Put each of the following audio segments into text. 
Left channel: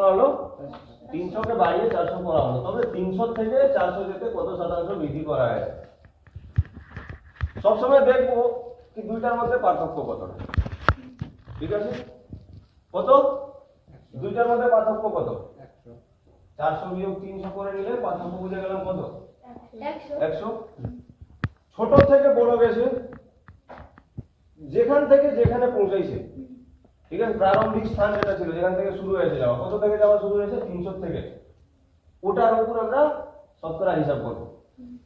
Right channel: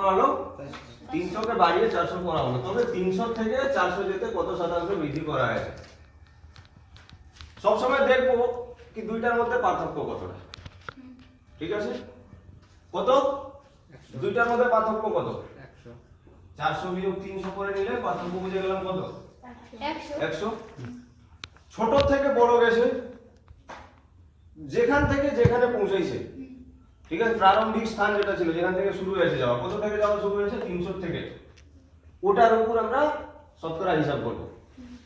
করা হলো 300 কে বাড়িয়ে 400 করা হলো, তবে 300 থেকে 400 যেতে কত শতাংশ বৃদ্ধি করা হয়েছে। সবসময় দেখবো কি দুইটার মধ্যে পার্থক্য কতটা, ঠিক আছে? কত? দুইটার মধ্যে পার্থক্য কত? 400 বিয়োগ 300 করে নিলে পার্থক্য বুঝে গেলাম কত? 100। ছোট থেকে বড় গেছে, যেখান থেকে যেখানে পৌঁছাইছে, ঠিক আছে? প্রারম্ভিক স্থান যেটা ছিল, যেখান থেকে শুরু হয়েছে যাওয়া, কত থেকে যাওয়া শুরু হয়েছে? 300 থেকে। ওটার উপর আমরা শতকরা হিসাব করব।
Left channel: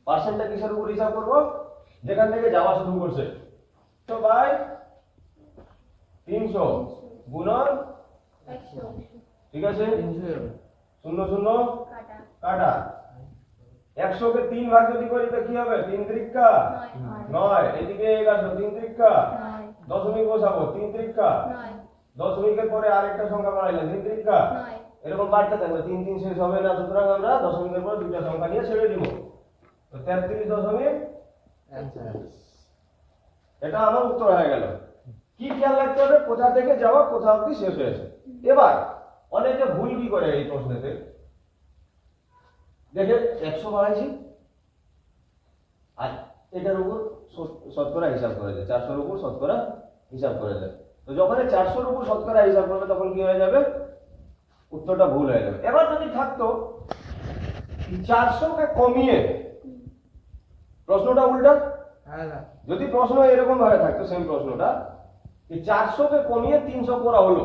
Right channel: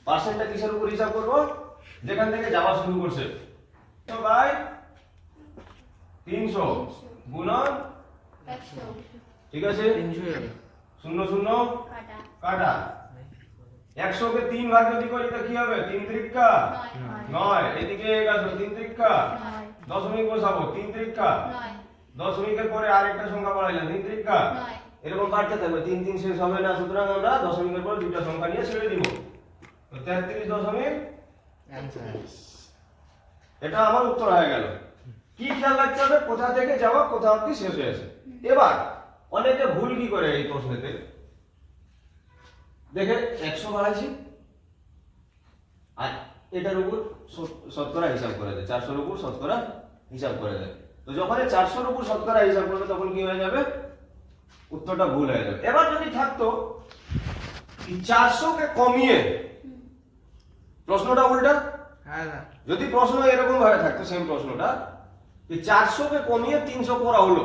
পার্সেন্টটা কিসের উপর হিসাব করব? যেখান থেকে যাওয়া শুরু করছে। তো বাই 300 গুণন 100, ঠিক আছে? 0 0 কাটা কাটা 100 কে 3 ভাগ যদি করি তো কি হবে? 3 ত্রিকা 9, এদিকে 11 3 ত্রিকা 9, দশমিক বসাবো 3 ত্রিকা 9, দশমিকের পরে আরেকটা সংখ্যা বাড়াইলাম 3 ত্রিকা 9, এরকম বাড়তে থাকবে, 3 3 শেষ হবে না, সুতরাং আমরা দশমিকের পরে দুটো সংখ্যা নিয়ে ছেড়ে দিব। তো 33 দশমিক এটা আমার উত্তর হয়ে গেল। কি খেয়াল রাখতে হবে? কোথা থেকে যাওয়া কোথা অবধি শেষ হয়েছে। এবার অনেকে ভুল কি করে এই প্রশ্নেতে, দেখে 100 বাড়াইছি আর এটার উপর শতকরা হিসাব করে দেয়, 400 এর উপর শতকরা হিসাব করে দেয়। তো যখন 400 এর উপর শতকরা হিসাব করবে তখন কি হয়ে যাবে? উত্তরটা ভুল হয়ে যাবে। এবার যদি থাকতো 400 কে কমিয়ে, প্রশ্নটা উল্টা, যদি প্রশ্ন এরকম ভাবে থাকতো, সেম প্রশ্নটা, যে 400 কে কমিয়ে 300 করা হলো,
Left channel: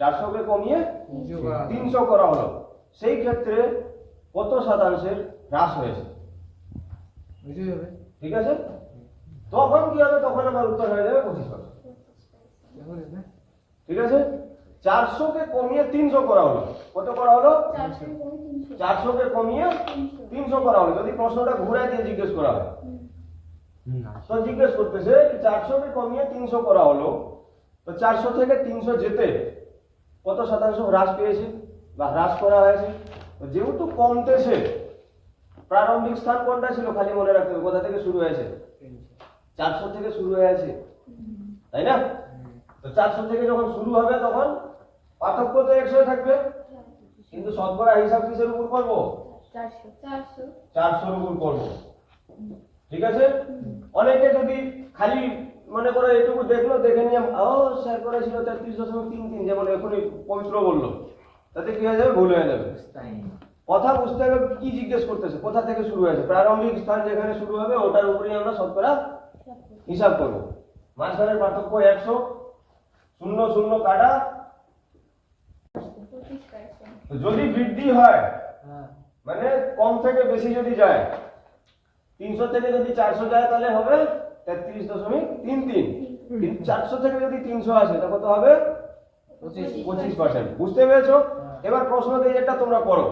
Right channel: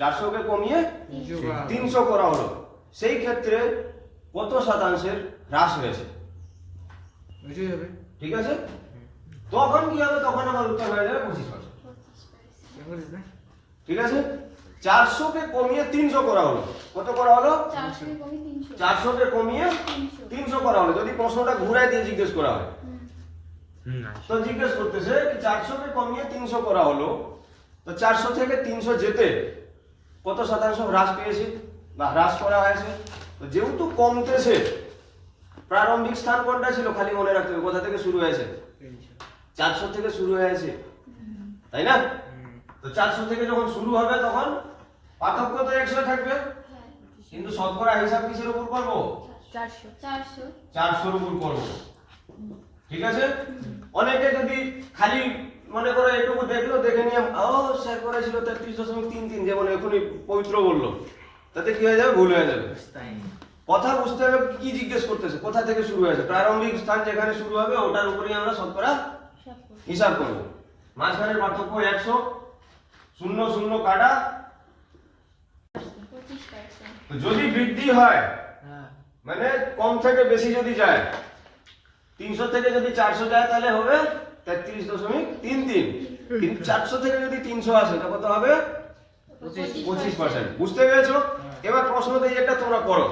400 কে কমিয়ে 300 করা হলো, সেই ক্ষেত্রে কত শতাংশের হ্রাস হয়েছে, ঠিক আছে? তখন কি হবে? তখন আমার উত্তর হয়ে যাবে 25%, ঠিক আছে? 400 কে কমিয়ে 300 করা হলো, কত করা হলো? 400 কে কমিয়ে 300, 400 কে কমিয়ে 300 করা হলো। যদি প্রশ্নটা ঘুরাই দিয়ে জিজ্ঞেস করা হয়, তো জিজ্ঞেস করতেছে কি 400 কে কমিয়ে 300 করা হলো, তো 400 থেকে 300 যেতে কত শতাংশ হ্রাস পেয়েছে বা হ্রাস করা হয়েছে। তো যেহেতু কমতেছে, প্রারম্ভিক স্থান কোনটা ছিল খালি মনে রাখতে হবে, কোথা থেকে শুরু হয়েছে? 400 থেকে শুরু হয়েছে, তাই না? তো 400 থেকে যখন শুরু হবে তখন পার্থক্য তো 100 থাকবে, কিন্তু শতকরা হিসাব কিসের উপর করব? 400, 400 এর উপর করব, ঠিক আছে? অনেকে যদি খালি মনে করো এটুকু দেখলো, দেখে নিয়ে স্যার করেছিল 33.33, যেমন এখনই পবিত্র বললো, তাতে কি হয়ে যাবে? ভুল হয়ে যাবে। কথা বুঝতে হবে কি জিজ্ঞেস করতেছে, কোথা থেকে শুরু হয়েছে। প্রারম্ভিক স্থান যেখানে শুরু হবে ওটার উপরেই আমরা শতকরা হিসাব করব। মাঝখানের পার্থক্য 100, 0 0 কাটা। 25%, যদি বৃদ্ধি হয়, মানে কম থেকে বেশি যদি যায়, 300 থেকে যদি 400 যায় তাহলে হবে 33.33, কিন্তু 400 থেকে যদি 300 আসে তখন কত হবে? 25%। বুঝতে পেরেছো? এবার প্রশ্ন দিয়ে এটা তোমরা করো।